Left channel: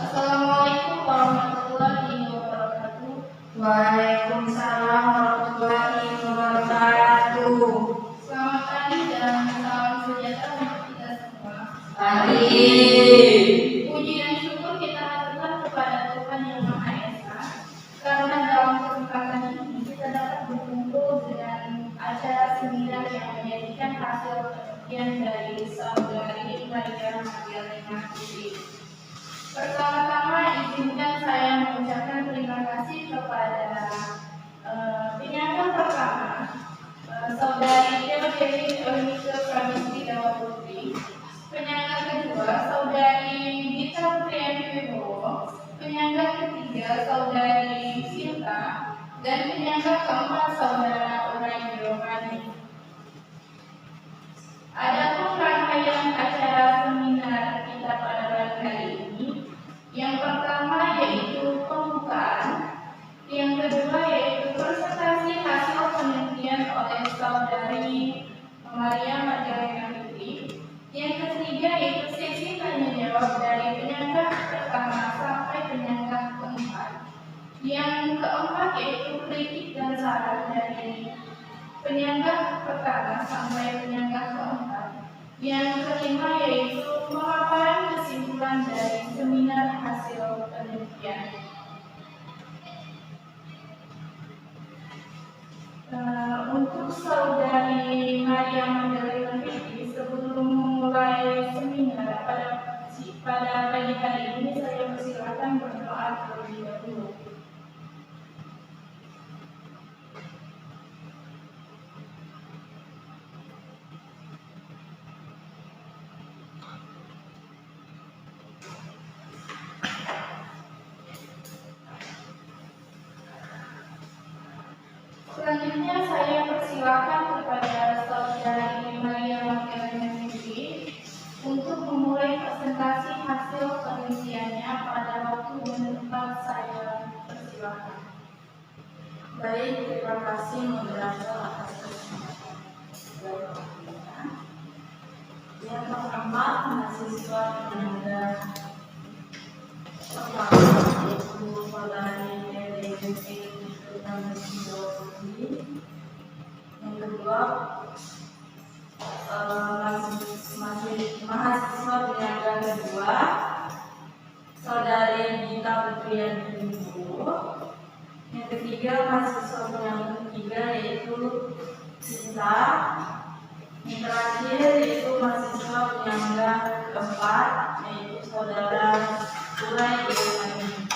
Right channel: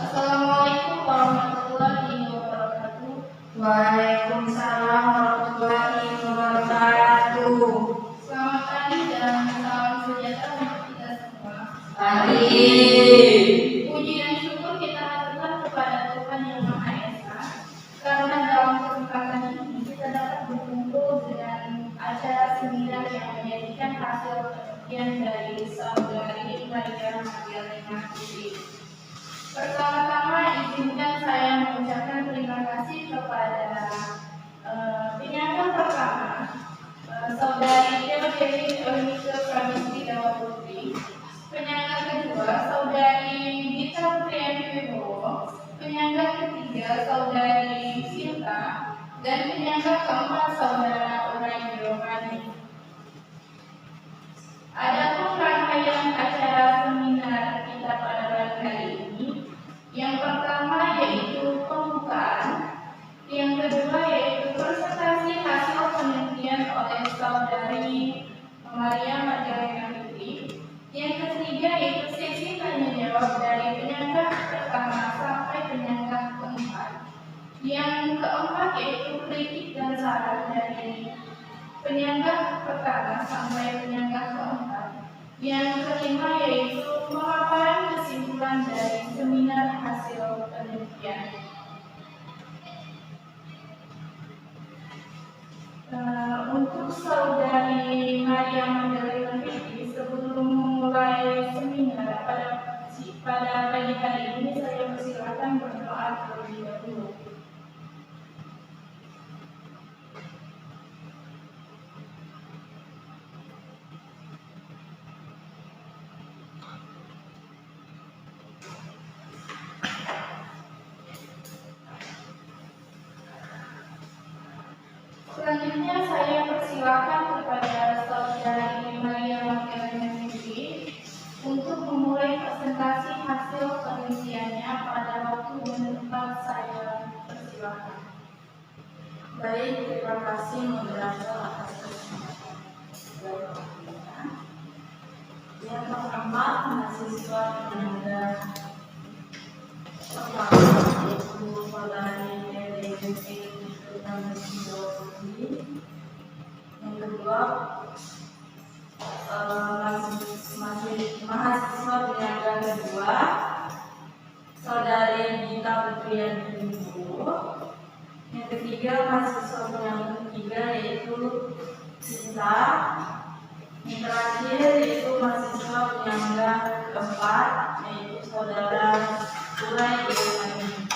Assalamualaikum warahmatullahi wabarakatuh. Waalaikumsalam warahmatullahi wabarakatuh. Selamat pagi dan salam sejahtera untuk kita semua. Amin. Puji dan syukur kita haturkan kepada Tuhan Yang Maha Esa, karena dalam kesempatan ini kita dapat berkumpul dengan acara seminar yang menjadikan hasil penelitian dari saudari Maria Magdalena Putri. Pertama-tama izinkan saya mengucapkan terima kasih kepada penyangga pertama, saudari Theodori Eunike Pramesti Dewa Putri. Penyangga kedua, saudari Gita Priyanti Wibowo. Penyangga ketiga, saudari Sinta. Dan penyangga keempat, saudara Uray Giovanni. Adapun rangkaian acara seminar kita pada pagi hari ini, yang pertama yaitu pembukaan, yang kedua yaitu presentasi hasil penelitian oleh saudari Maria Magdalena Putri, yang ketiga yaitu sesi tanya jawab dari penyangga pertama sampai penyangga keempat, yang keempat yaitu kritik dan saran dari penyangga pertama sampai penyangga keempat, yang kelima yaitu pemaparan kesimpulan dari seminar hasil penelitian. Untuk saudari Maria Magdalena Putri, sebelum memulai seminar pada pagi hari ini, saya persilakan berdoa terlebih dahulu. Selanjutnya saya persilakan kepada saudari Maria Magdalena Putri untuk memulai presentasi hasil penelitiannya pada waktu dan tempat. Saya persilakan. Baik, terima kasih moderator atas kesempatan. Yang pertama, mahasiswa penyangga pertama yaitu saudari Eunike Pramesti Dewa Putri. Yang kedua, mahasiswa penyangga kedua saudari Gita Priyanti Wibowo. Yang ketiga, mahasiswa penyangga ketiga yaitu Sinta. Yang terakhir yaitu mahasiswa penyangga keempat yaitu saudara Uray Giovanni.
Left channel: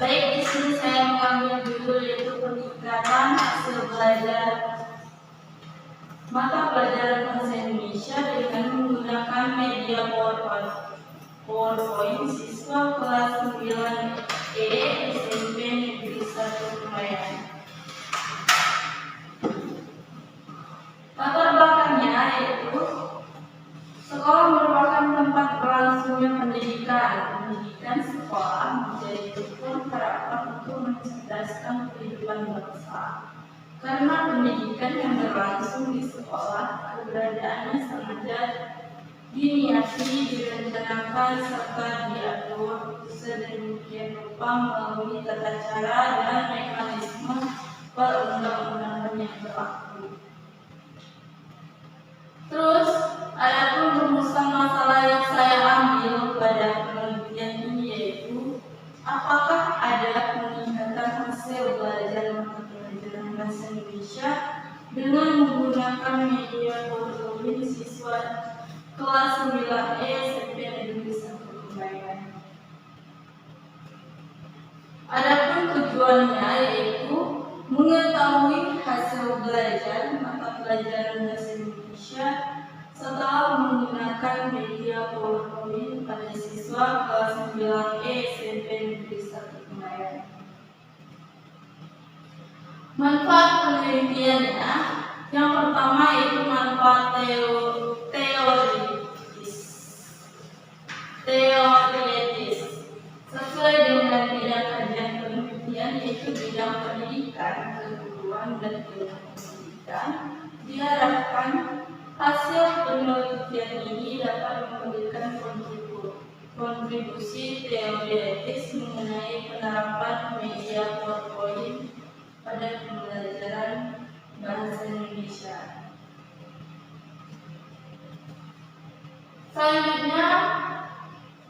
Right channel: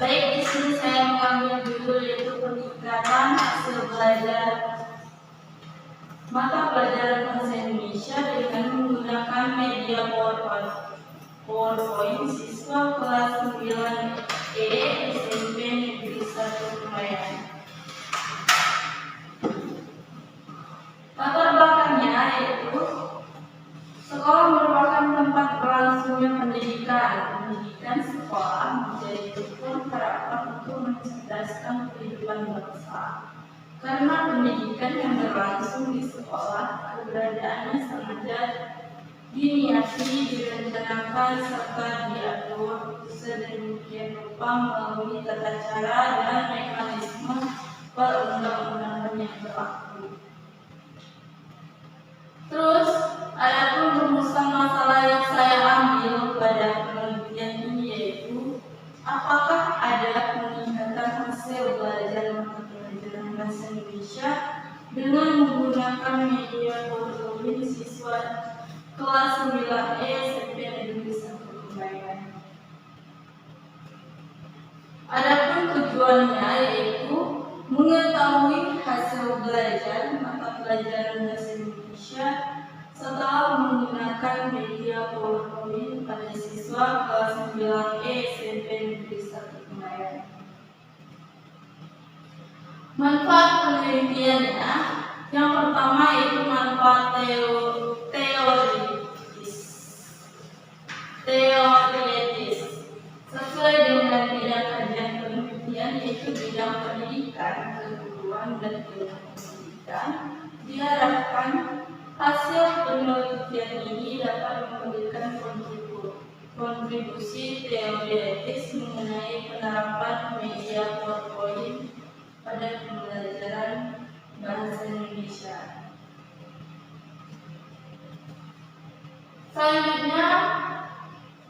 Baik, di sini saya mengambil judul yaitu peningkatan hasil belajar mata pelajaran bahasa Indonesia dengan menggunakan media PowerPoint siswa kelas 9E SMP Negeri 1 Kemayoran. Latar belakangnya yaitu sekolah merupakan tempat berlangsungnya pendidikan. Pendidikan sekolah menjadi struktur harapan untuk mencerdaskan kehidupan bangsa. Karena pendidikan yang berlangsung di sekolah, keberadaannya sengaja diniati, direncanakan, serta diatur sedemikian rupa melalui tata cara dan mekanisme perundang-undangan yang berlaku. Terus, adapun rumusan masalah yang saya ambil pada penelitian ini yaitu apakah ada peningkatan hasil belajar mata pelajaran bahasa Indonesia dengan menggunakan media PowerPoint siswa kelas 9E SMP Negeri 1 Kemayoran. Adapun tujuannya yaitu mengetahui hasil belajar mata pelajaran bahasa Indonesia setelah menggunakan media PowerPoint pada siswa kelas 9E SMP Negeri 1 Kemayoran. Manfaat penelitiannya, yang pertama yaitu manfaat teoritis. Sesuai dengan bidang kajian penelitian yaitu bidang pendidikan, keguruan dan ilmu pendidikan, diharapkan hasil penelitian ini dapat memberikan kontribusi kontribusi teori etis mengenai penerapan media PowerPoint pada pembelajaran bahasa Indonesia. Selanjutnya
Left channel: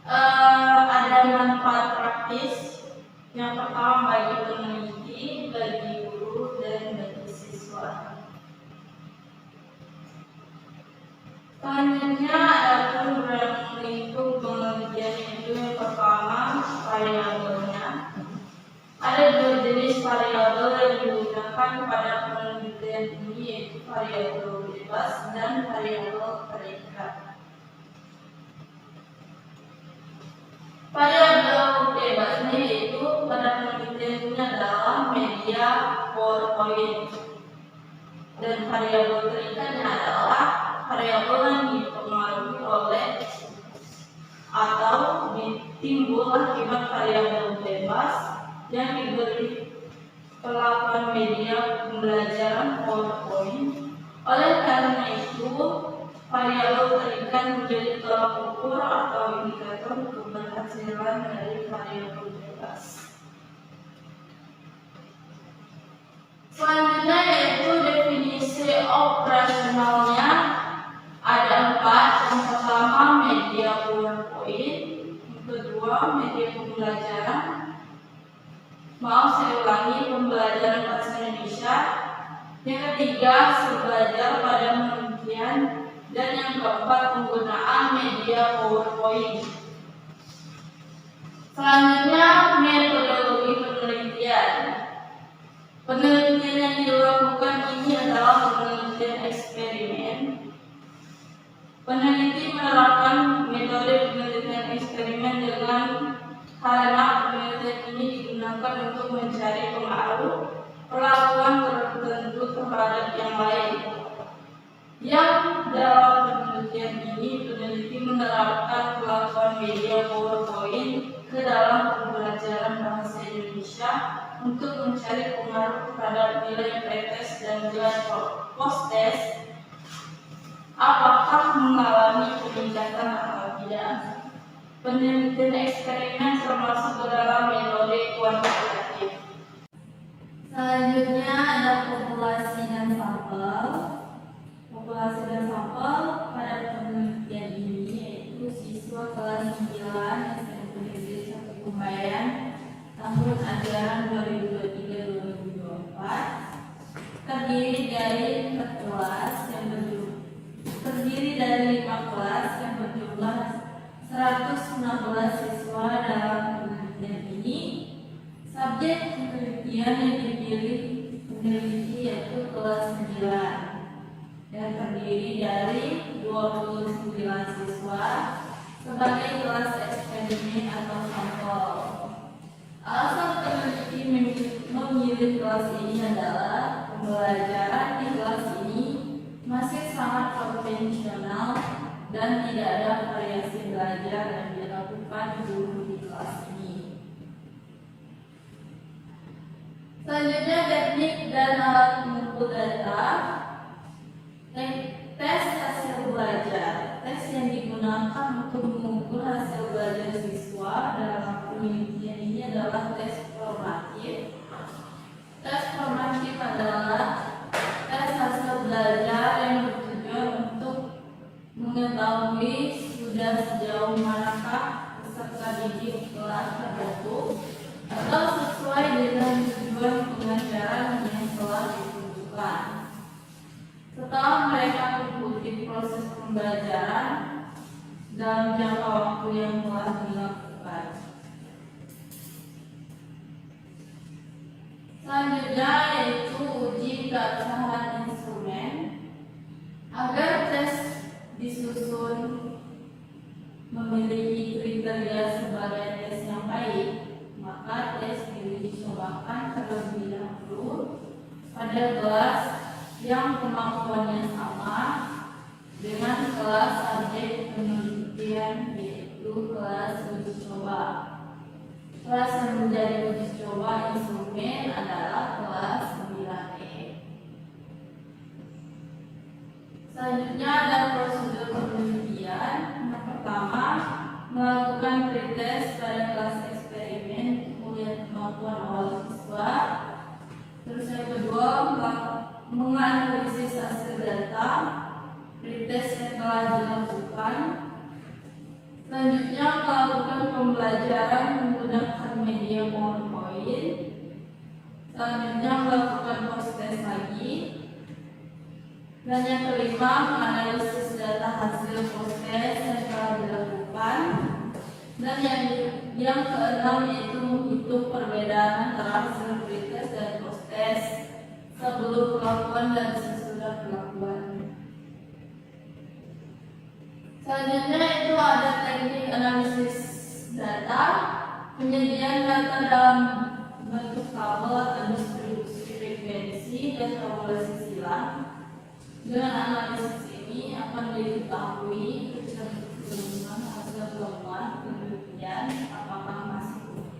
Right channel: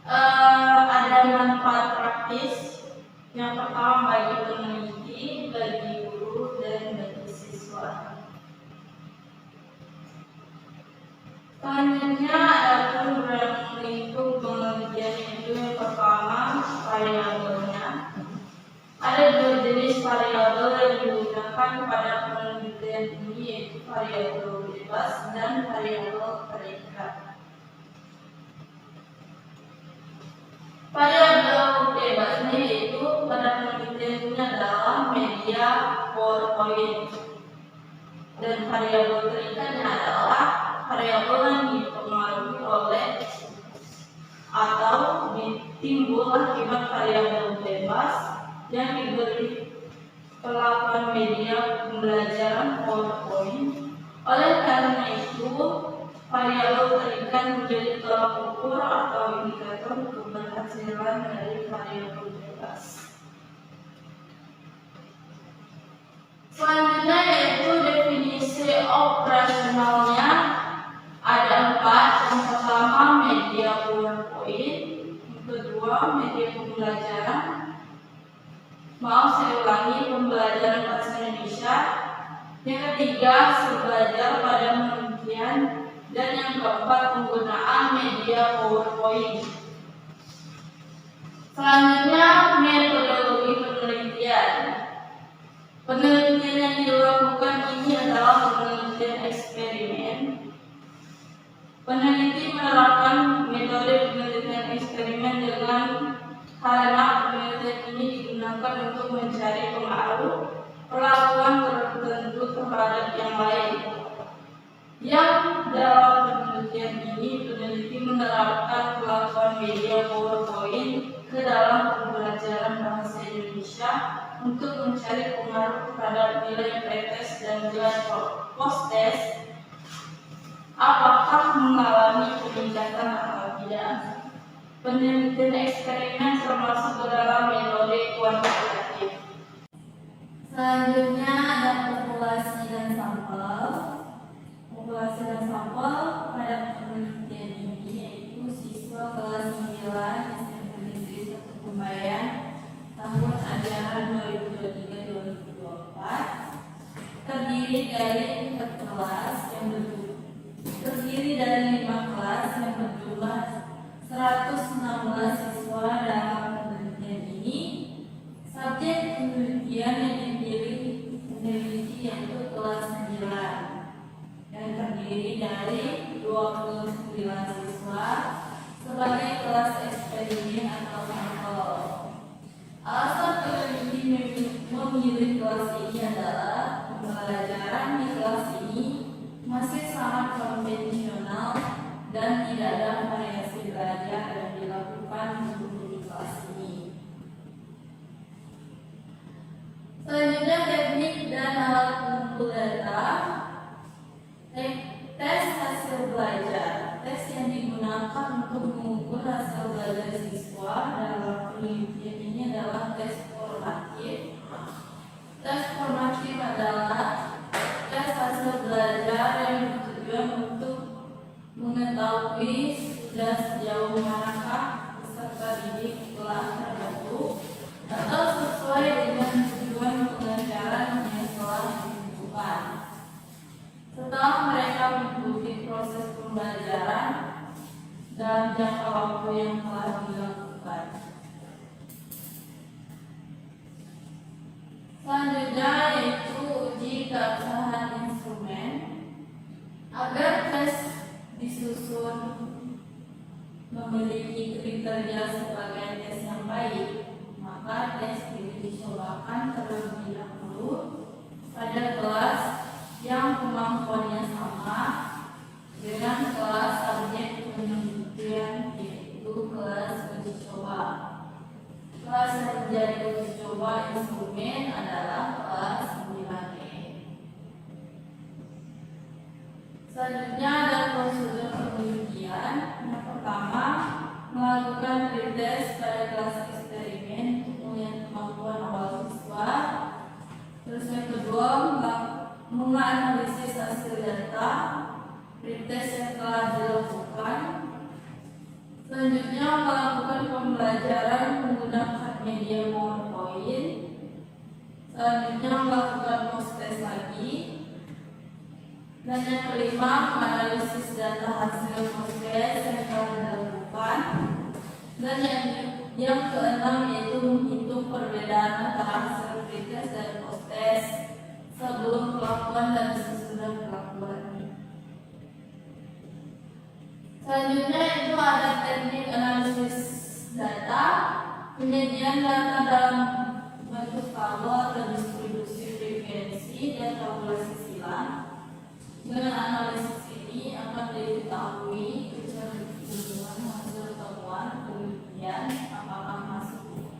ada manfaat praktis. Yang pertama bagi peneliti, bagi guru, dan bagi siswa. Selanjutnya ada ruang lingkup penelitian itu. Yang pertama variabelnya. Ada dua jenis variabel yang digunakan pada penelitian ini, yaitu variabel bebas dan variabel terikat. Variabel bebasnya yaitu pada penelitian ini adalah media PowerPoint, dan variabel terikatnya adalah variabel yang dipengaruhi oleh atau timbul akibat variabel bebas yang diberi perlakuan media pembelajaran PowerPoint. Oleh karena itu, variabel terikat menjadi tolak ukur atau indikator keberhasilan dari variabel bebas. Selanjutnya yaitu definisi operasionalnya. Ada 4. Yang pertama media PowerPoint, yang kedua media pembelajaran. Saya ulangi, pembelajaran bahasa Indonesia. Yang ketiga belajar pada penelitian, dan yang keempat penggunaan media PowerPoint. Selanjutnya metodologi penelitian. Penelitian yang dilakukan ini adalah penelitian eksperimen. Peneliti menerapkan metode penelitian eksperimen karena penelitian ini digunakan untuk mencari pengaruh perlakuan tertentu terhadap yang lain. Yang dalam penelitian ini, peneliti menerapkan perlakuan media PowerPoint ke dalam pembelajaran bahasa Indonesia untuk mencari pengaruh terhadap nilai pretest dan nilai post-test, apakah mengalami peningkatan atau tidak. Penelitian eksperimen termasuk ke dalam metode kuantitatif. Selanjutnya ada populasi dan sampel. Populasi dan sampel pada penelitian ini yaitu siswa kelas 9 SMP 1 Kumbayan tahun ajaran 2023-2024, terdiri dari 5 kelas yang berjumlah 116 siswa. Dalam penelitian ini, subjek penelitian yang dipilih peneliti yaitu kelas 9 dan terdiri dari 29 siswa sebagai kelas eksperimen atau sampel. Alasan peneliti memilih kelas ini adalah pembelajaran di kelas ini masih sangat konvensional dan tidak ada variasi belajar yang dilakukan guru di kelas ini. Selanjutnya teknik dan alat pengumpul data. Tes hasil belajar. Tes yang digunakan untuk mengukur hasil belajar siswa dalam penelitian ini adalah tes formatif. Tes formatif adalah tes hasil belajar yang bertujuan untuk mengetahui sudah sejauh manakah peserta didik kelas tertentu atau sesuai dengan tujuan pengajaran yang telah ditentukan. Setelah mereka mengikuti proses pembelajaran dalam jangka waktu yang telah dilakukan. Selanjutnya yaitu uji keabsahan instrumen. Agar tes disusun memiliki kriteria sebagai tes yang baik, maka tes dicobakan terlebih dahulu pada kelas yang kemampuannya sama dengan kelas subjek penelitian, yaitu kelas uji coba. Kelas yang menjadi uji coba instrumen adalah kelas 9E. Selanjutnya ada prosedur penelitian. Yang pertama, melakukan pretest pada kelas eksperimen untuk melihat kemampuan awal siswa. Terus yang kedua, menganalisis hasil data pretest yang telah dilakukan. Selanjutnya, melakukan pembelajaran menggunakan media PowerPoint. Selanjutnya, melakukan post-test lagi. Dan yang kelima, menganalisis data hasil post-test yang telah dilakukan. Dan yang keenam yaitu menghitung perbedaan antara hasil pretest dan post-test sebelum pelakuan dan sesudah pelakuan. Selanjutnya itu ada teknik analisis data, penyediaan data dalam bentuk tabel atau distribusi frekuensi dan tabulasi silang. Dengan analisis ini akan diketahui kecenderungan hasil temuan penelitian apakah masuk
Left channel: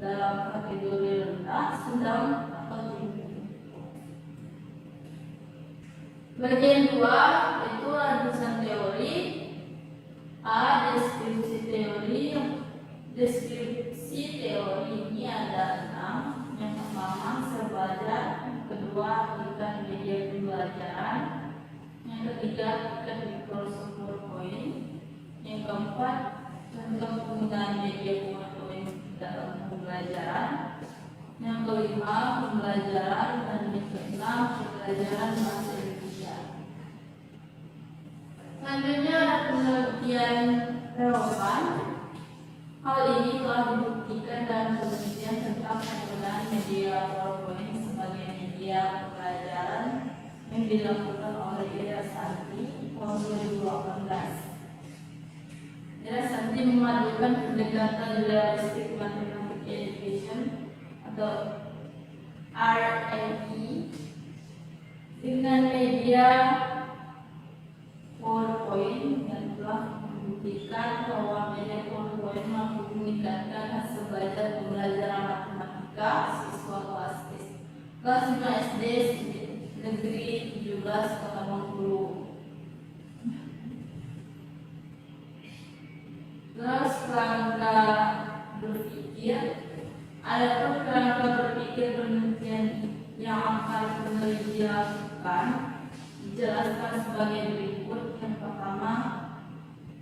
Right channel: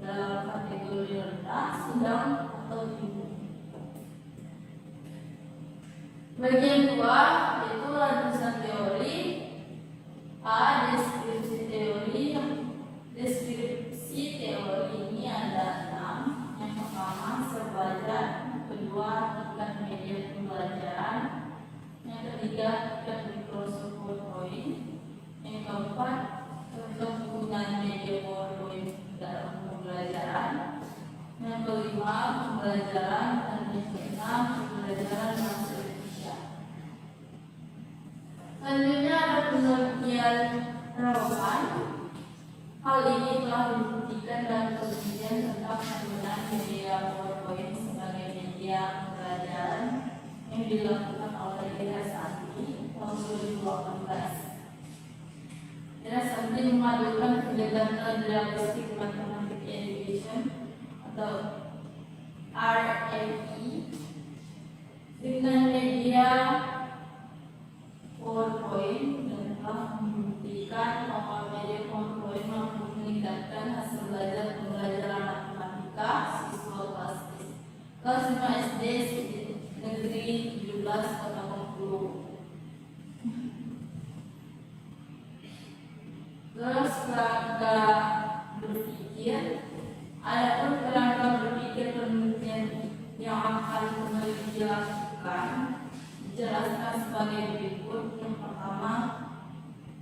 dalam kategori rendah, sedang, atau tinggi. Bagian 2 itu rumusan teori. A. Deskripsi teori. Deskripsi teori ini ada 6. Yang pertama, hasil belajar. Yang kedua, ikan media pembelajaran. Yang ketiga, ikan Microsoft PowerPoint. Yang keempat, contoh penggunaan media PowerPoint dalam pembelajaran. Yang kelima, pembelajaran. Dan yang keenam, pembelajaran bahasa Indonesia. Selanjutnya ada penelitian relevan. Hal ini telah dibuktikan dalam penelitian tentang penggunaan media PowerPoint sebagai media pembelajaran yang dilakukan oleh Ira Sakti tahun 2018. Ira Sakti memadukan pendekatan realistic mathematics education atau RME dengan media PowerPoint dan telah membuktikan bahwa media PowerPoint mampu meningkatkan hasil belajar pembelajaran matematika siswa kelas 5 SD negeri 17 Kota Bengkulu. Terus kerangka berpikir, adapun kerangka berpikir penelitian yang akan peneliti lakukan dijelaskan sebagai berikut. Yang pertama,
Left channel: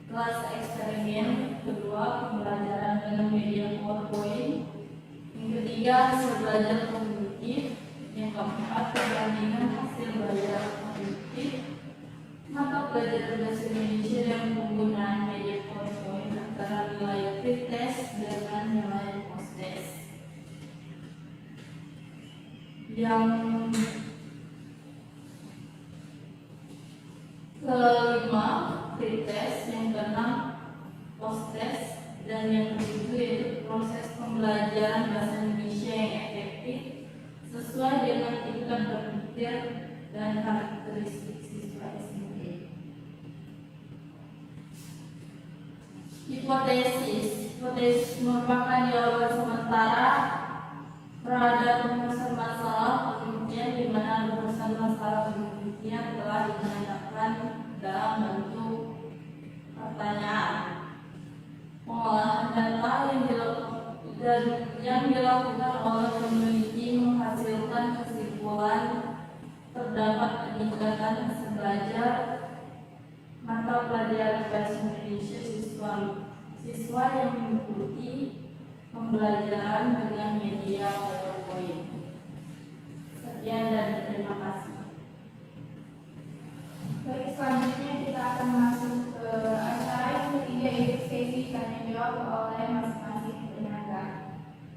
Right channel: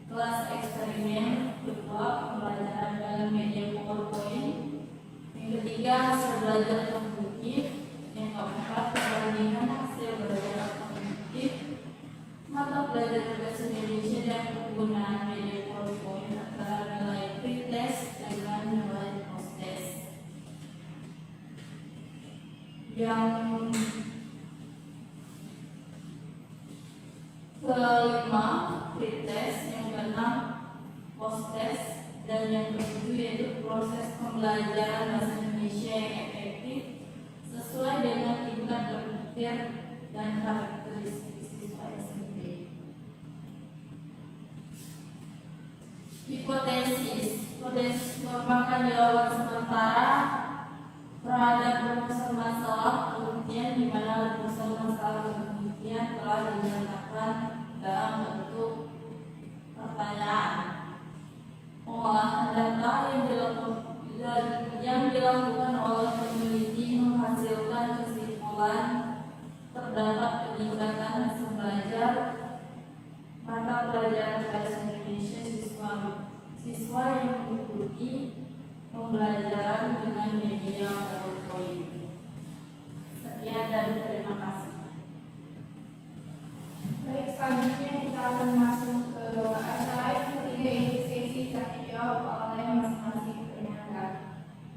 kelas eksperimen. Kedua, pembelajaran dengan media PowerPoint. Yang ketiga, hasil belajar kognitif. Yang keempat, perbandingan hasil belajar kognitif mata pelajaran bahasa Indonesia dan penggunaan media PowerPoint antara nilai pretest dengan nilai post-test. Yang kelima, pretest. Yang keenam, post-test. Dan yang ketujuh yaitu proses pembelajaran bahasa Indonesia yang efektif sesuai dengan tingkat berpikir dan karakteristik siswa SMP. Hipotesis merupakan jawaban sementara terhadap rumusan masalah penelitian di mana rumusan masalah penelitian telah dinyatakan dalam bentuk pertanyaan. Pengolahan data yang dilakukan oleh peneliti menghasilkan kesimpulan terdapat peningkatan hasil belajar mata pelajaran bahasa Indonesia siswa yang mengikuti pembelajaran dengan media PowerPoint. Sekian dan terima kasih. Baik, selanjutnya kita akan masuk ke acara yang ketiga, yaitu sesi tanya jawab oleh masing-masing penyangga.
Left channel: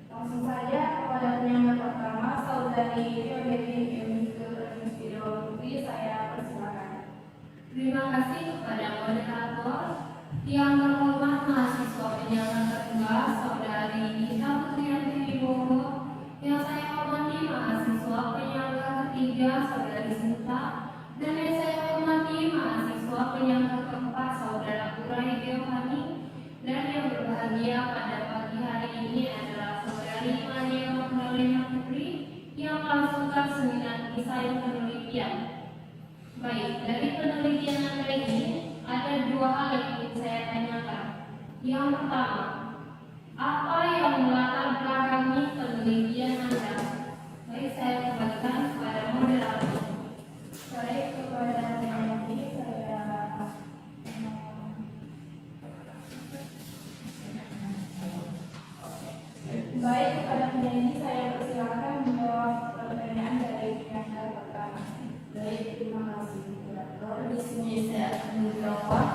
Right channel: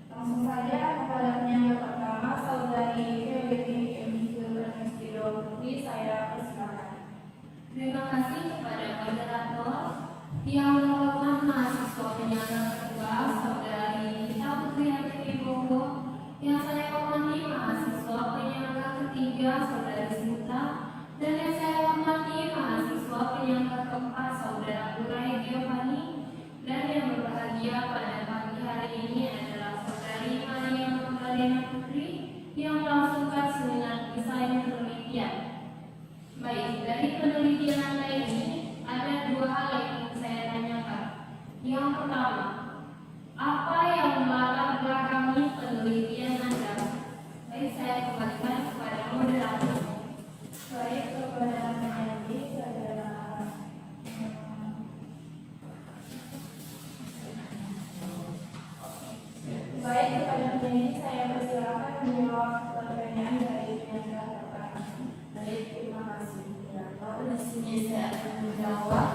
Langsung saja kepada penyangga pertama, Saudari Febriani Emike Pranestiro Putri, saya persilakan. Terima kasih kepada moderator yang terhormat mahasiswa penyangga kedua, Saudari Gita Putri Wibowo, berjanji saya persilakan menjawab pertanyaan dari penyandang pertama. Baik, terima kasih moderator. Di sini saya akan menjawab.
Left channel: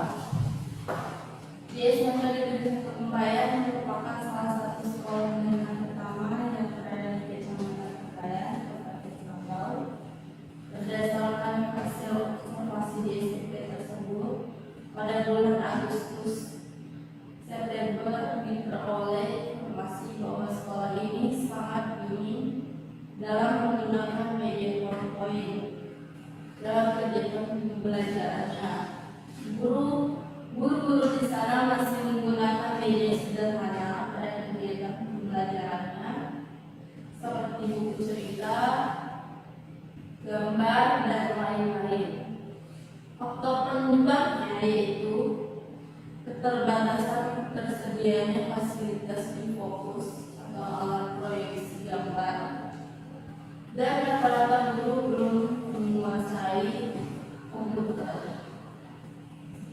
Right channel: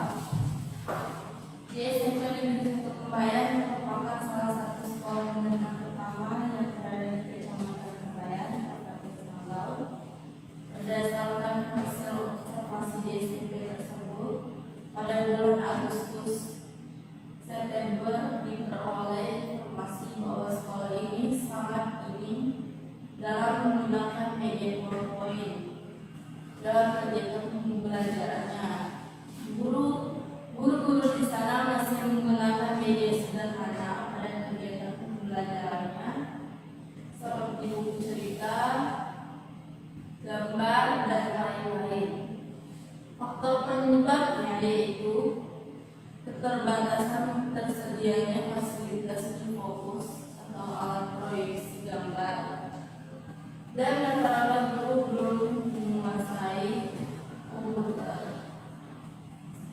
Di SMP Negeri 1 Kempayan merupakan salah satu sekolah menengah pertama yang berada di Kecamatan Kempayan, Kabupaten Bangau. Berdasarkan hasil observasi di SMP tersebut, pada bulan Agustus September diperoleh informasi bahwa sekolah ini sangat minim dalam menggunakan media PowerPoint dalam kegiatan pembelajarannya. Guru-guru di sana masih menggunakan media sederhana pada kegiatan pembelajarannya seperti buku cerita, gambar, dan lain-lain. Faktor penyebabnya yaitu keterbatasan tersedianya fasilitas infokus atau alat proyeksi gambar, dan rata-rata guru belum menguasai komputer.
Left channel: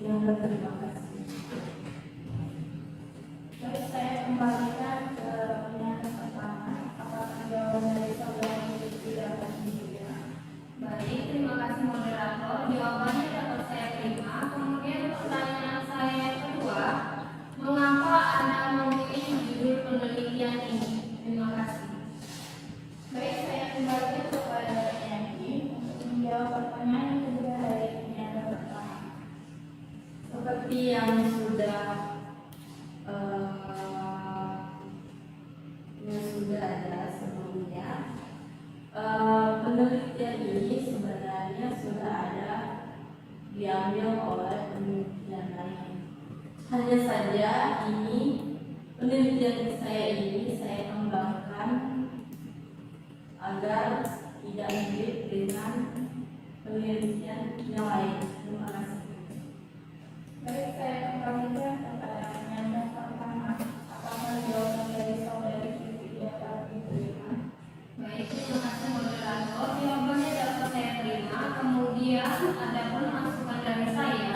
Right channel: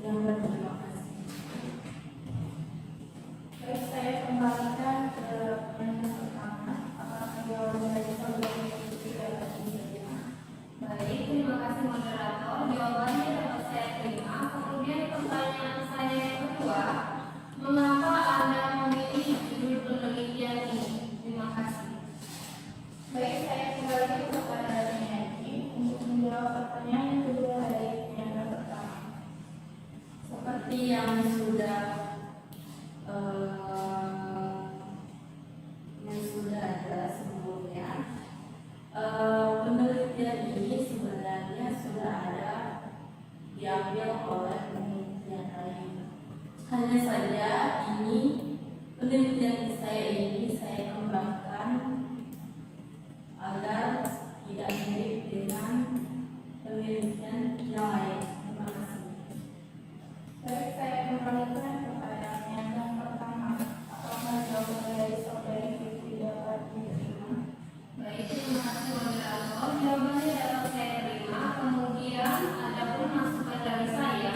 Yang berterima kasih. Baik, saya kembalikan ke penyandang pertama. Apakah jawaban dari saudara itu dapat diterima? Baik, terima kasih moderator. Jawabannya dapat saya terima. Kemudian pertanyaan saya yang kedua, mengapa Anda memilih judul penelitian ini? Terima kasih. Baik, saya kembalikan kepada penyanyi untuk menjawab pertanyaan juga dari penyandang pertama. Seperti yang sudah ada sebelumnya, penelitian ini sebenarnya sudah ada diambil oleh penelitian lain. Hanya saja ini penelitian saya kembangkan agar tidak mirip dengan penelitian yang lain. Terima kasih. Baik, saya kembalikan kepada penyandang pertama. Apakah jawaban dari saudari itu dapat diterima? Baik, terima kasih moderator. Jawabannya dapat saya terima. Kemudian adapun masukan dari saya,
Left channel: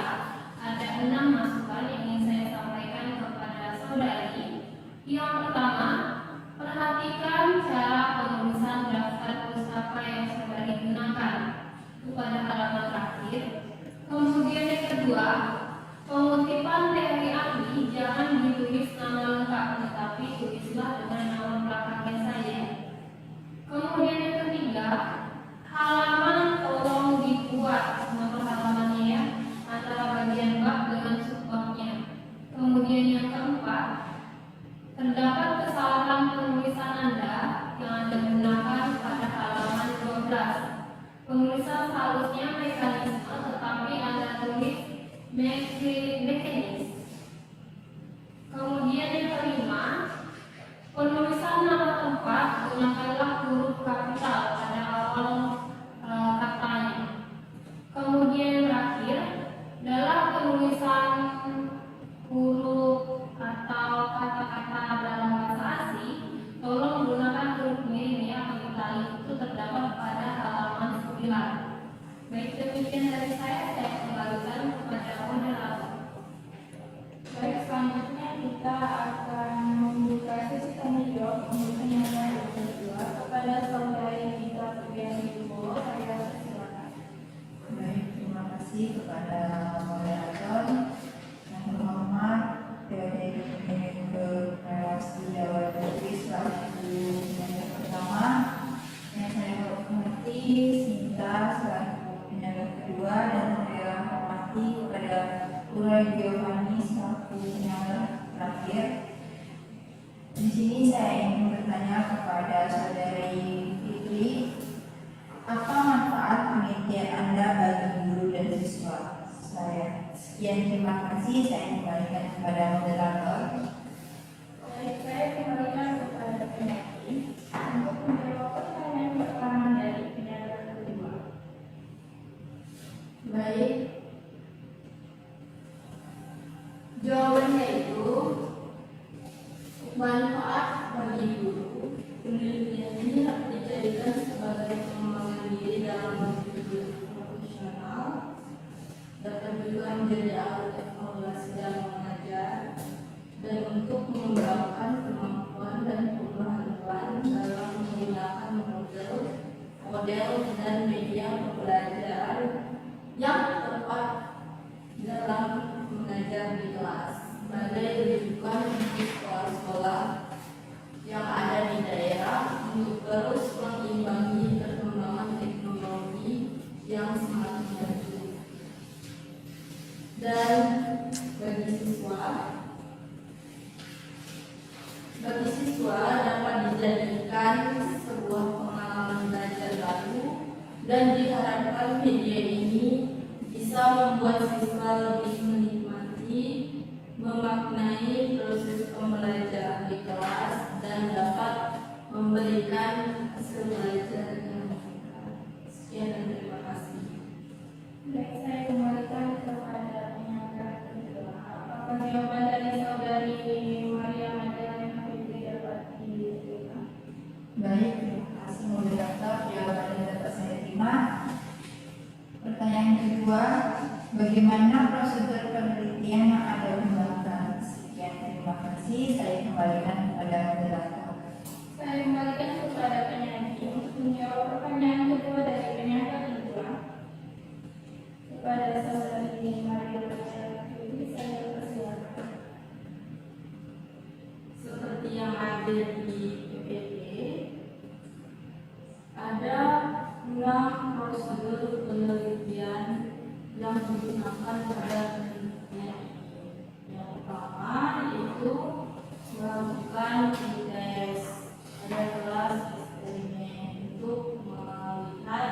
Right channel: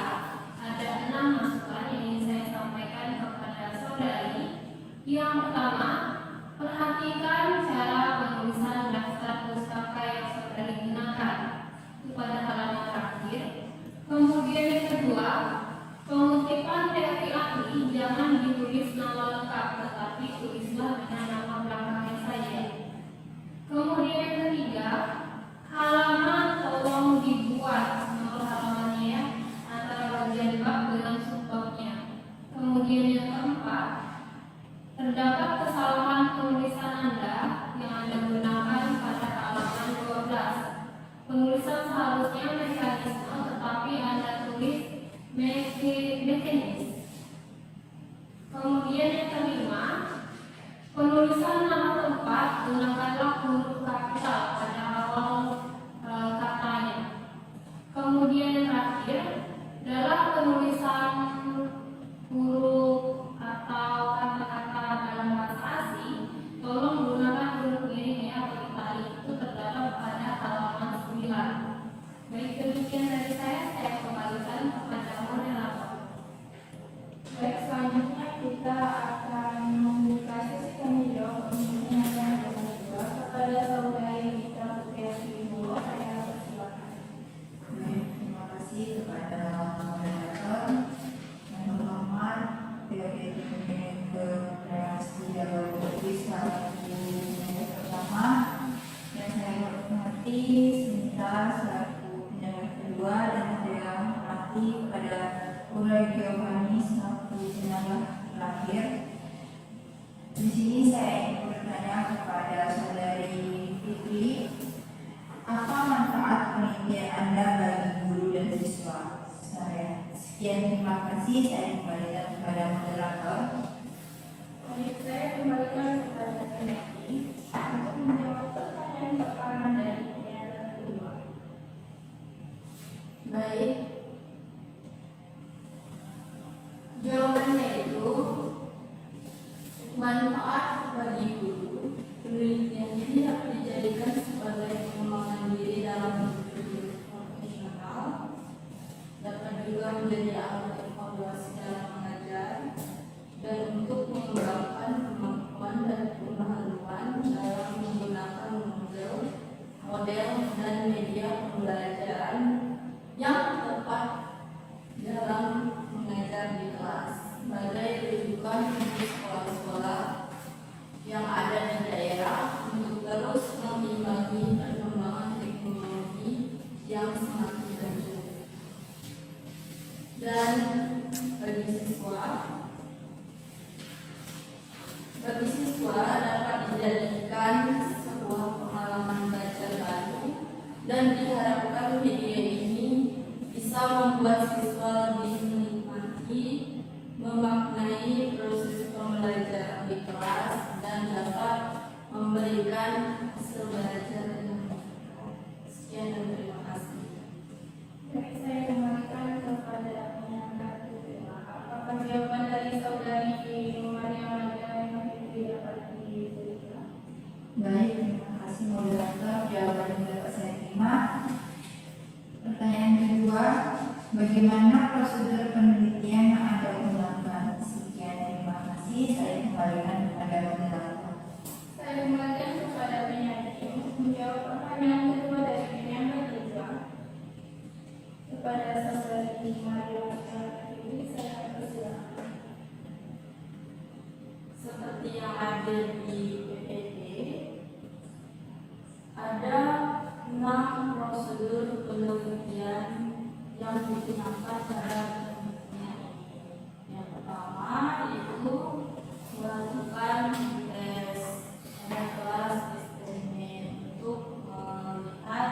ada 6 masukan yang ingin saya sampaikan kepada saudari. Yang pertama, perhatikan cara penulisan daftar pustaka yang saudari gunakan. Itu pada halaman terakhir. Kemudian yang kedua, pengutipan teori ahli jangan ditulis nama lengkap, tetapi tulislah dengan nama belakangnya saja. Kemudian yang ketiga, halaman tolong dibuat nomor halamannya ya, antara bagian bab dengan subbabnya. Kemudian yang keempat, terdapat kesalahan penulisan Anda yang Anda gunakan pada halaman 12. Penulisan seharusnya mekanisme, tetapi Anda tulis mekanis. Kemudian yang kelima, penulisan nama tempat gunakanlah huruf kapital pada awal katanya. Kemudian yang terakhir, dalam penulisan huruf atau kata-kata dalam bahasa asing, tolong gunakan huruf miring ya atau italik. Itu terdapat pada halaman 9. Baik, demikian dari saya kembalikan kepada moderator. Baik, selanjutnya kita akan membuka sesi tanya jawab untuk penyandang yang kedua kepada saudari Rita Putri-Polo. Saya persilakan. Baik, terima kasih kepada moderator yang terhormat PPD ke Sudah Putri selaku penyandang pertama, yang saya hormati Sinta selaku penyandang kedua, dan saya hormati kepada Pura Giovanni selaku penyandang terakhir. Di sini saya ingin bertanya kepada saudari Fitri, apa manfaat penelitian Anda bagi guru dan siswa? Saya sekian, terima kasih. Saya kembalikan kepada moderator. Baik, saya kembalikan kepada penyanyi untuk menjawab pertanyaan pertama dari penyandang kedua. Baik, jawabannya itu manfaat bagi guru. Penelitian ini dapat dijadikan sebagai pengembangan diri dalam hidup profesional, dapat juga menjadi alat evaluasi dalam mengajar, dan untuk mengembangkan kemampuan dan pengetahuan siswa dapat dijadikan sebuah pengalaman belajar baru dan diharapkan media ini bisa membuat siswa lebih menikmati, memaknai proses pembelajaran di kelas dan dapat memberikan hasil belajar yang meningkat. Sekian dan terima kasih. Baik, saya kembalikan kepada penyangga kedua. Apakah jawaban dari saudari Maria Madalena Fitri dapat diterima? Baik, terima kasih moderator. Jawaban yang dapat saya terima. Pertanyaan kedua, bagaimana prosedur penelitian yang Anda gunakan? Sekian, terima kasih. Saya kembalikan kepada moderator. Saya kembalikan kepada penyanyi untuk menjawab pertanyaan kedua dari penyangga kedua. Kepada saudari Maria Madalena Fitri, saya persilakan. Seperti yang ada di PPT, ada 6 prosedur penelitian yang digunakan pada penelitian ini. Yang pertama yaitu melakukan tes pada kelas eksperimen untuk melihat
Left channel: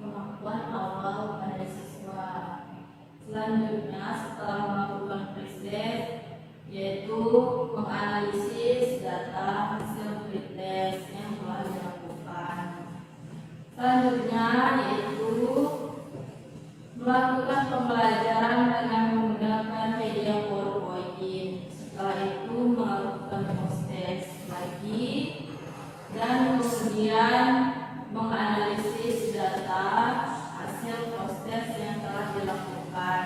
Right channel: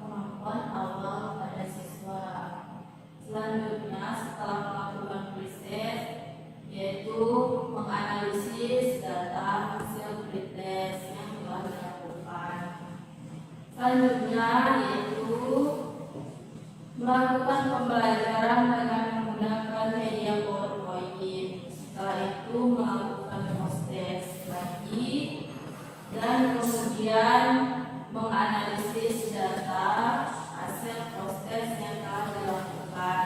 kemampuan awal pada siswa. Selanjutnya setelah melakukan riset yaitu menganalisis data hasil pretest yang telah dilakukan. Selanjutnya yaitu melakukan pembelajaran dengan menggunakan media PowerPoint. Setelah itu melakukan post-test lagi dan kemudian menganalisis data hasil post-test yang telah dilakukan.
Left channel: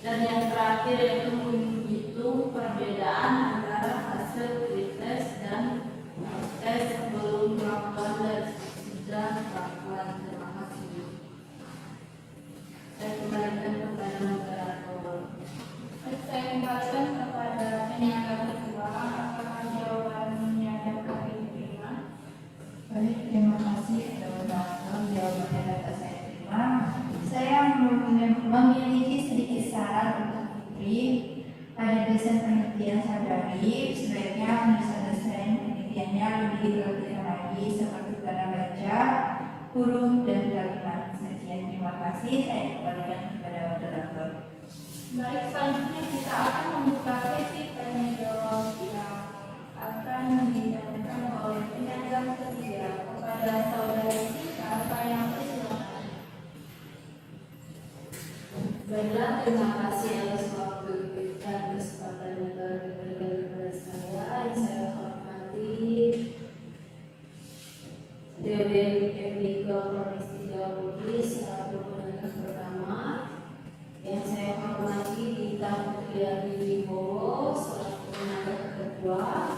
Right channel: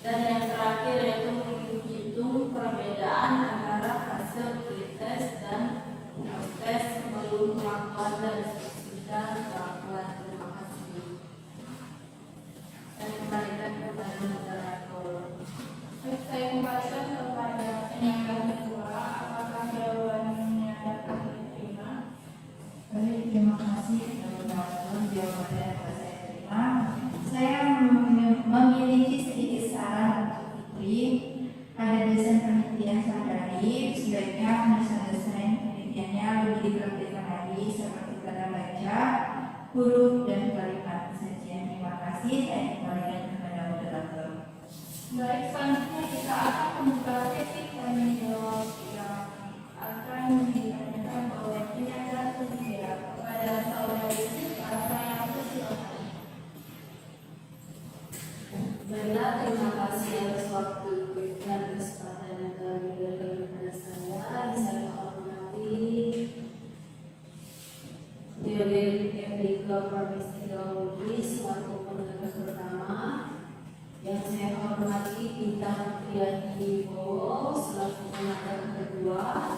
Dan yang terakhir yaitu menghitung perbedaan antara hasil pretest dan post-test sebelum melakukan dan perlakuan. Terima kasih. Saya kembalikan kepada moderator. Saya kembalikan kepada penyangga kedua. Apakah jawabannya dapat diterima? Baik, terima kasih kepada moderator. Jawabannya dapat saya terima. Saya memiliki sedikit saran untuk Fitri. Pada dosen penelitian saudari, sebaiknya mendesain penelitiannya lebih detailkan lagi seperti tanda baca, huruf, dan kalimat. Sekian, terima kasih. Saya kembalikan kepada moderator. Baik, selanjutnya kita akan membuka sesi tanya jawab yang akan ditanyakan oleh penyangga ketiga kepada saudari Alfa yang persilakan. Baiklah, terima kasih atas waktu dan kesempatan yang telah diberikan kepada saya. Yang saya hormati Theodore Enrico Pramestika Lubis selaku penegak pertama. Yang saya hormati Tita Mutriani Bowo selaku penegak kedua.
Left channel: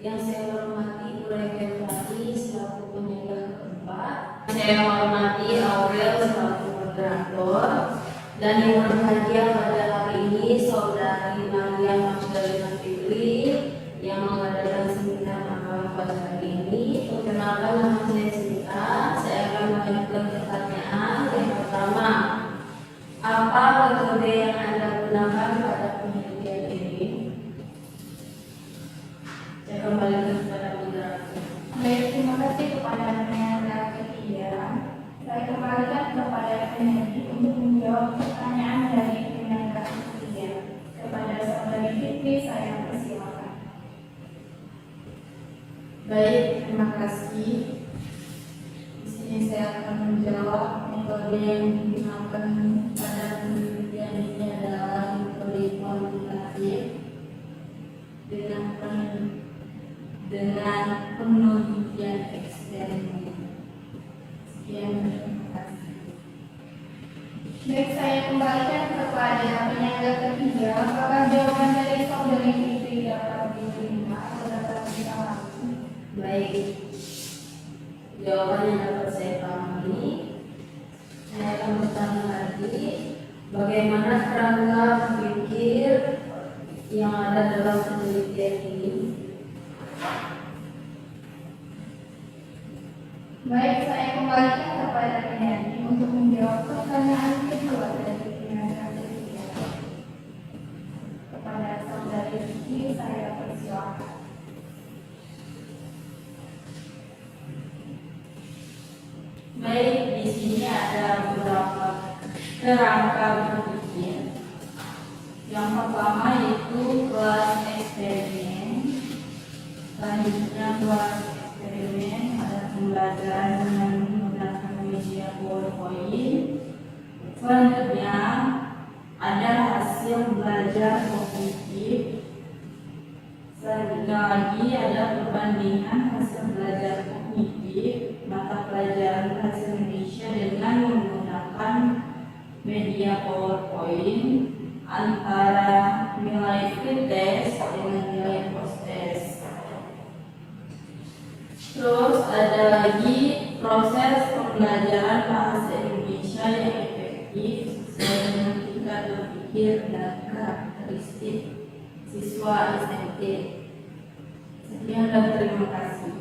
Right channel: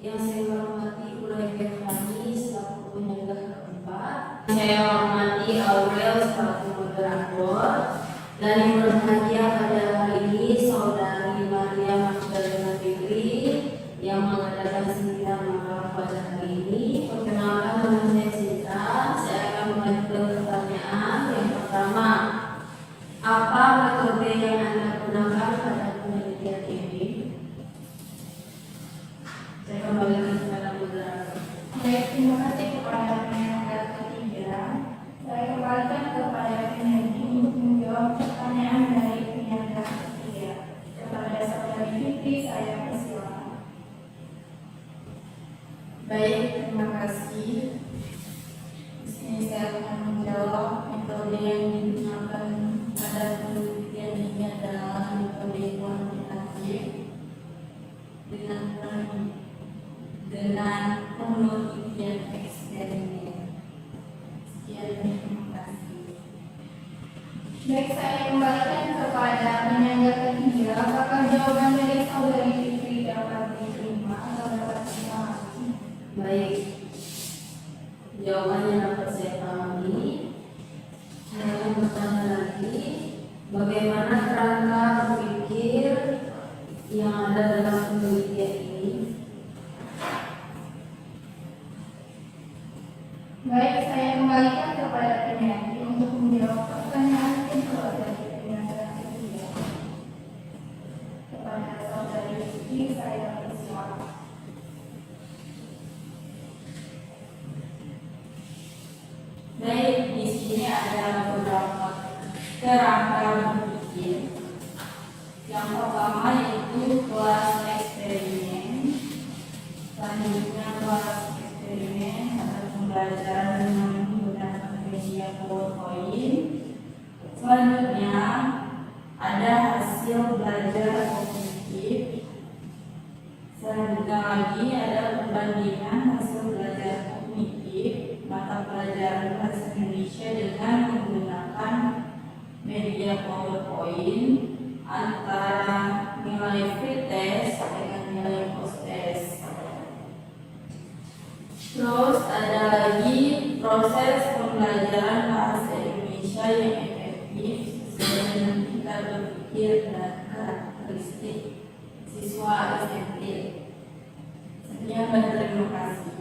Yang saya hormati Kolega Fani selaku penegak keempat. Saya hormati Aurel selaku moderator. Dan yang berbahagia pada hari ini saudari Maria Madalena Fitri yang mengadakan seminar magang pada hari ini. Perkenalkan, nama saya Sinta. Saya akan mengajukan pertanyaan. Yang pertama, apa metode yang Anda gunakan pada penelitian ini? Saya kembalikan kepada moderator. Baik, terima kasih kepada penyangga ketiga. Saya kembalikan kepada penyanyi untuk menjawab pertanyaan dari penyangga ketiga. Kepada saudari Fitri, saya persilakan. Baik, terima kasih. Di sini saya akan menjawab metode yang digunakan pada penelitian ini adalah metode kuantitatif dengan penelitian eksperimen. Sekian, terima kasih. Baik, saya kembalikan kepada penyangga ketiga. Apakah jawaban dari saudari Fitri dapat diterima atau dapat dipahami? Baik, jawabannya dapat saya pahami. Saya akan bertanya lagi, bagaimana kerangka pikir yang ada dalam penelitian ini? Baik, saya kembalikan kepada penyanyi untuk menjawab pertanyaan kedua dari penyangga ketiga. Kepada saudari Fitri, saya persilakan. kerangka berpikir. Yang pertama yaitu kelas eksperimen. Selanjutnya kelas eksperimen ada pembelajaran dengan menggunakan media PowerPoint. Selanjutnya ada hasil belajar kognitif. Selanjutnya lagi ada perbandingan hasil belajar kognitif mata pelajaran bahasa Indonesia dengan menggunakan media PowerPoint antara nilai pretest dengan nilai post-test. Terus ada lagi proses pembelajaran bahasa Indonesia yang efektif sesuai dengan tingkat berpikir dan karakteristik siswa SMP. Sekian dan terima kasih.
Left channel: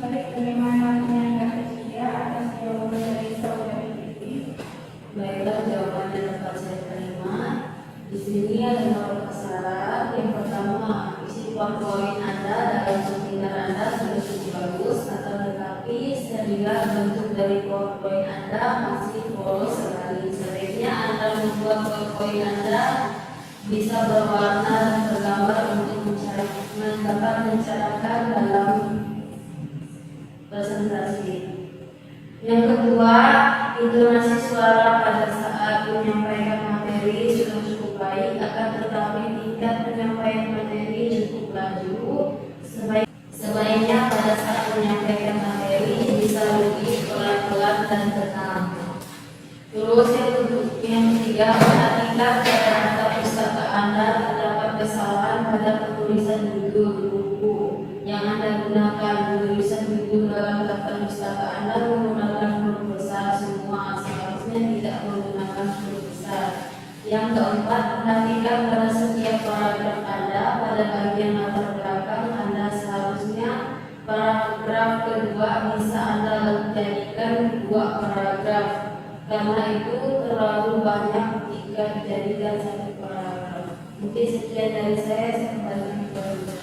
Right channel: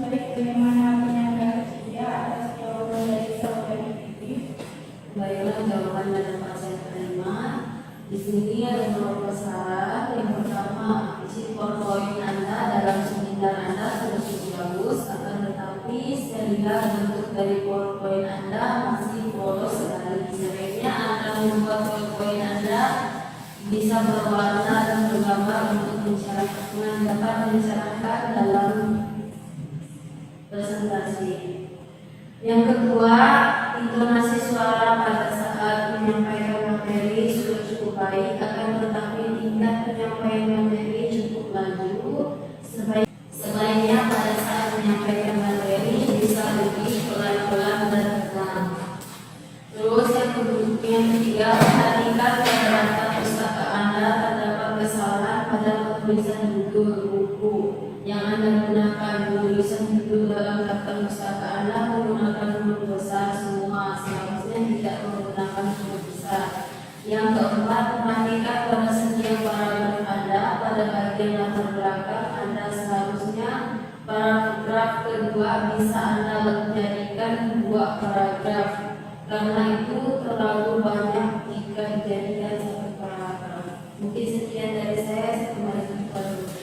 Baik, terima kasih ketiga atas jawaban dari saudari Fitri. Baiklah, jawabannya dapat saya terima. Di sini ada beberapa syarat. Yang pertama, isi PowerPoint Anda dalam seminar Anda sudah cukup bagus, akan tetapi sehingga bentuk dari PowerPoint Anda masih polos sekali. Sebaiknya Anda membuat PowerPoint Anda bisa berwarna dan bergambar untuk dapat mencerahkan dalam presentasi. Yang kedua, intonasi suara pada saat menyampaikan materi sudah cukup baik, akan tetapi tingkat penyampaian materi cukup laju. Sebaiknya pada saat menyampaikan materi bisa lebih pelan-pelan dan tenang. Terus yang ketiga, perhatikan pada data pustaka Anda terdapat kesalahan pada penulisan judul buku yang Anda gunakan. Penulisan judul dalam daftar pustaka Anda menggunakan huruf besar semua, seharusnya tidak menggunakan huruf besar. Yang keempat, perhatikan pada setiap paragraf Anda. Pada bagian latar belakang Anda seharusnya paragraf kedua bisa Anda jadikan 2 paragraf, karena itu terlalu banyak jika dijadikan 1 paragraf. Mungkin sekian dari saya kembali kepada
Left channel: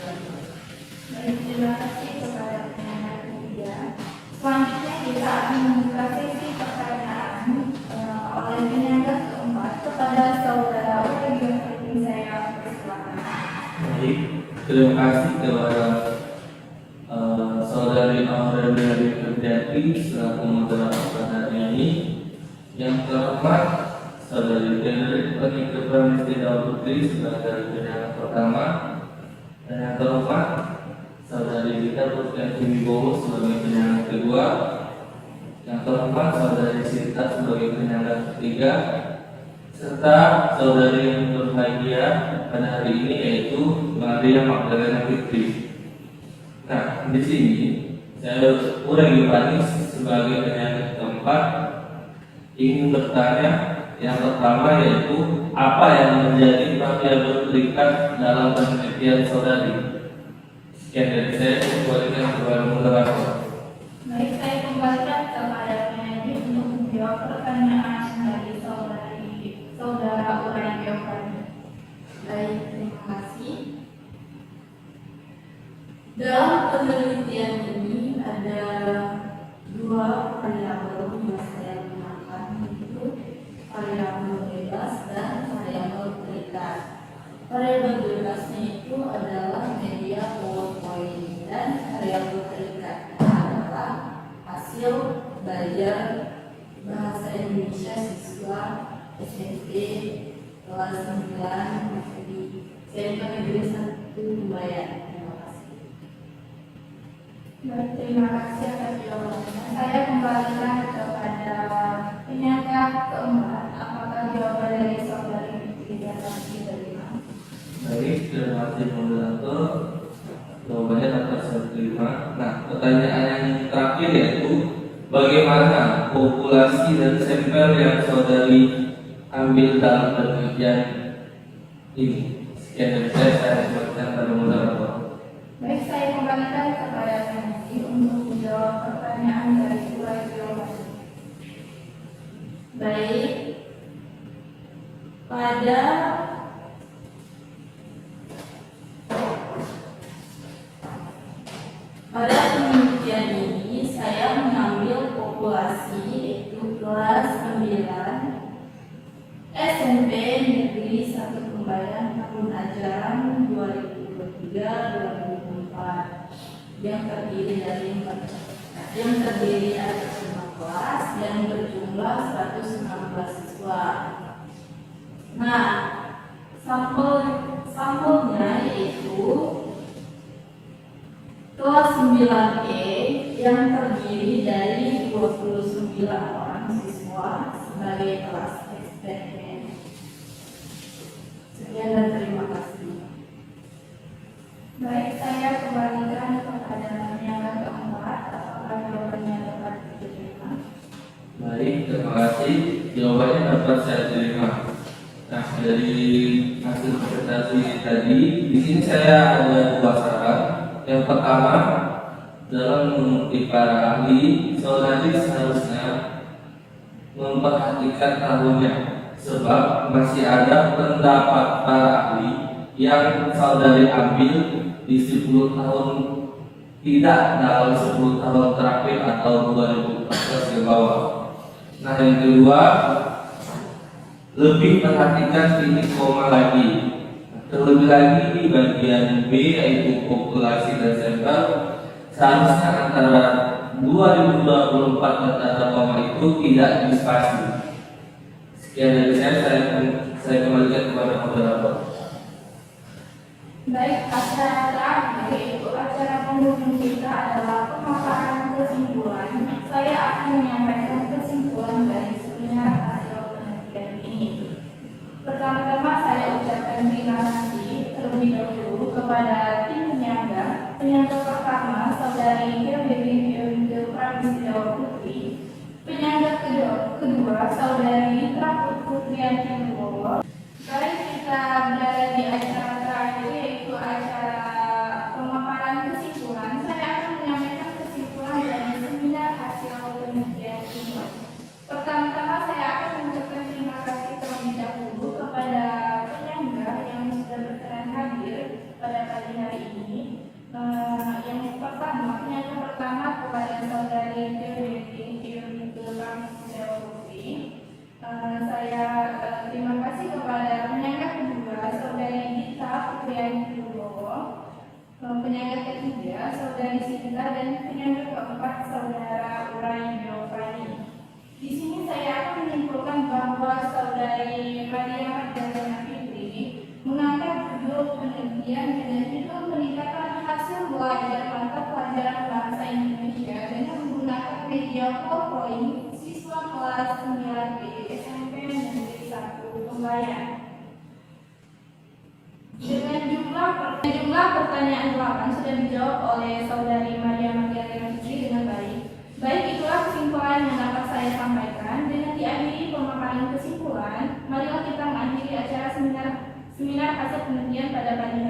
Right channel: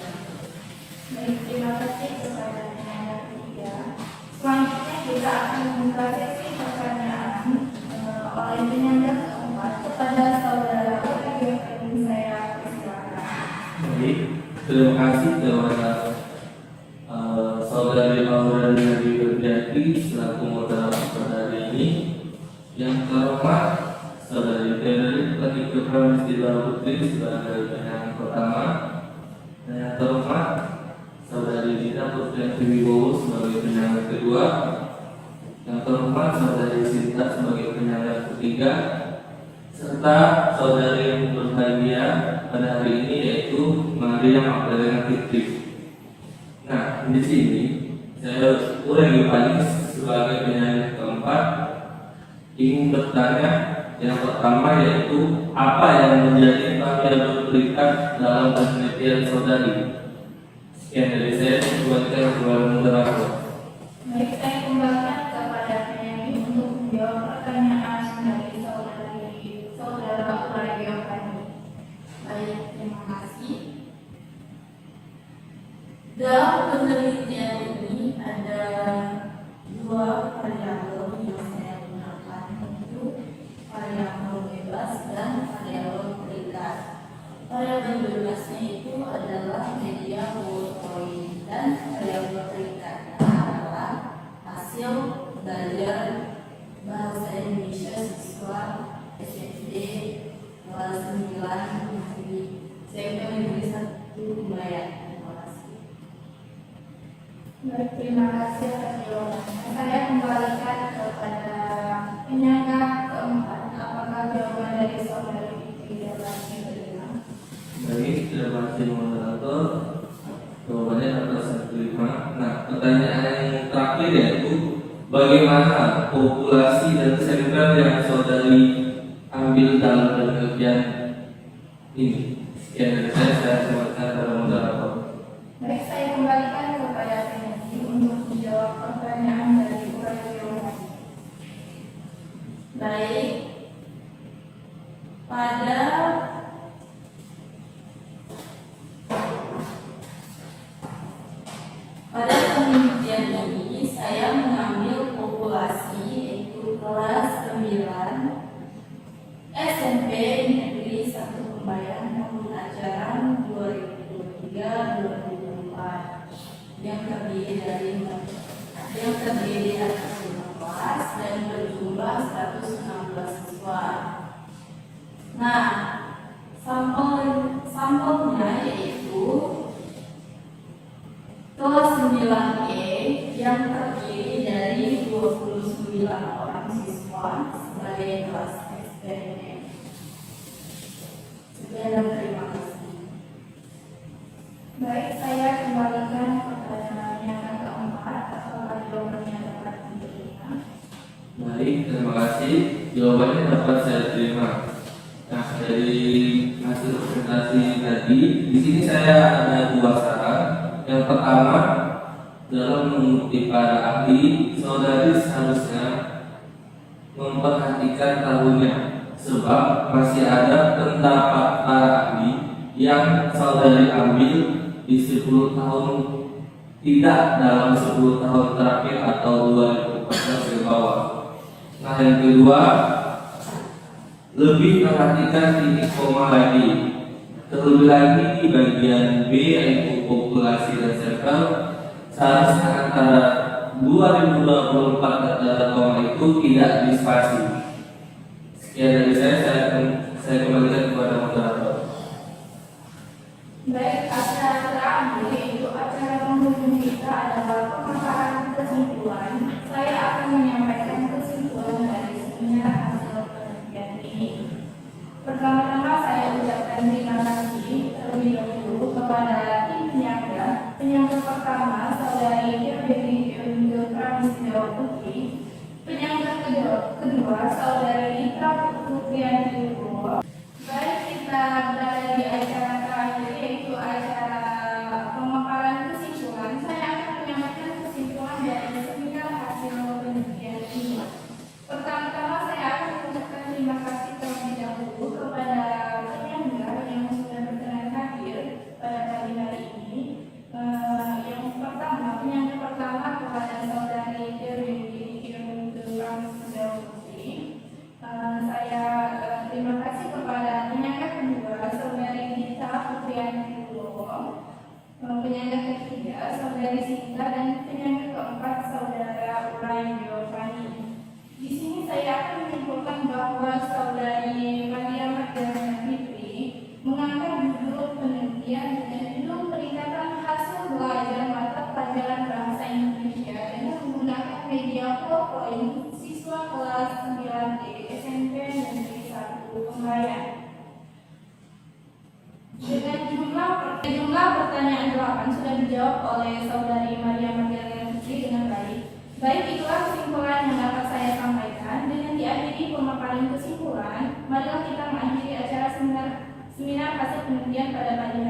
Baik, terima kasih kepada penanya ketiga. Selanjutnya kita akan membuka sesi pertanyaan oleh penyangga keempat kepada saudara Wahyudi. Saya persilakan. Baik, terima kasih kepada saudari Aura dari Widyati selaku moderator pada hari ini. Yang terhormat saudari Frederick Penikut Pramestila Putri sebagai penyangga pertama, dan yang terhormat saudari Dita Putri Wibowo sebagai penyangga kedua, yang terhormat saudari Sinta sebagai penyangga ketiga, serta saudari yang berbahagia pada hari ini yaitu Maria Magdalena Fitri. Nah, di sini saya Udah Giovanni sebagai penyanyi keempat ingin bertanya yang pertama yaitu apa yang menjadi bagian berikat dalam penelitian saudari. Sekian dari saya, kembalikan kepada moderator. Baik, saya kembalikan kepada penyanyi untuk menjawab pertanyaan dari saudara Uray Giovanni. Baik, terima kasih. Dalam penelitian ini ada 2 variabel yang saya gunakan, yaitu variabel bebas dan variabel terikat. Variabel bebasnya itu adalah media PowerPoint dan variabel terikatnya adalah hasil belajar bahasa Indonesia siswa SMP kelas 9 di SMP Negeri 1 Bayan. Terima kasih. Baik, terima kasih atas jawabannya. Saya kembalikan kepada penyangga keempat. Apakah jawaban dari saudari tidak lagi diterima? Baik, terima kasih moderator. Jawabannya dapat saya terima. Nah, pertanyaan yang terakhir yaitu bagaimana populasi dan sampel yang saudari ambil dalam penelitian ini? Sekian dari saya kembalikan kepada moderator. Baik, saya kembalikan kepada penyanyi untuk menjawab pertanyaan dari Uray Giovanni. Baik, pada penelitian ini saya mengambil populasi yaitu kelas 9 yang terdiri atas 5 kelas yang berjumlah 116 siswa. Nah, sampelnya yaitu kelas 9E yang terdiri dari 29 orang siswa sebagai kelas eksperimen. Sekian dan terima kasih. Baik, saya kembalikan kepada yang keempat. Apakah jawabannya dapat diterima? Baik, terima kasih. Jawabannya dapat saya terima. Nah, dari hasil presentasi tadi, di sini saya ada 2 saran. Yang pertama, dalam mengutip para ahli, saudari seharusnya memperhatikan tahunnya, sebab masih ada pendapat para ahli yang saudari ambil di 10 tahun, tidak dalam 10 tahun terakhir atau 2014 ke bawah. Nah, yang kedua, lebih perhatikan titik koma lagi. Terlebih lagi di bagian B yaitu populasi dan sampel, seharusnya antara 2024 dan data koma itu tidak dispasi. Sekian dari saya kembalikan kepada moderator. Baik, acara terakhir yaitu acara penghubung kita adalah pemaparan kesimpulan. Saya akan menyampaikan kesimpulan dari seminar hasil penelitian ini. Pertama-tama saya ucapkan terima kasih terlebih dahulu kepada tim penyangga. Penyangga pertama saudari Kirby Yunke Pramesida Putri. Penyangga kedua saudari Mitra Putrianti Wibowo. Baik, kita berada di acara terakhir yaitu acara pemaparan kesimpulan. Saya akan menyampaikan kesimpulan dari seminar hasil penelitian ini. Pertama-tama saya akan mengucapkan terima kasih terlebih dahulu kepada penyangga yang sudah berkenan hadir pada pagi hari ini. Penyangga pertama kepada saudari Kirby Yunke Pramesida Putri. Saya terima kasih kepada penyangga kedua saudari Gita Putrianti Wibowo, penyangga ketiga saudari Sinta, dan penyangga keempat saudara Brian Giovanni. Di sini saya akan menyimpulkan bahwa saudari Maria Magdalena Fitri mengangkat judul penelitian dengan judul peningkatan hasil belajar mata pelajaran bahasa Indonesia dengan menggunakan media PowerPoint siswa kelas 9D SMP Negeri 1 Kembayan. Dengan jumlah pertanyaan 8 sudah dijawab oleh saudari Maria Magdalena Fitri dengan baik. Baik, itulah kesimpulan yang dapat saya sampaikan. Dengan diakhiri pemaparan kesimpulan, marilah kita mengakhiri acara seminar hasil penelitian pada pagi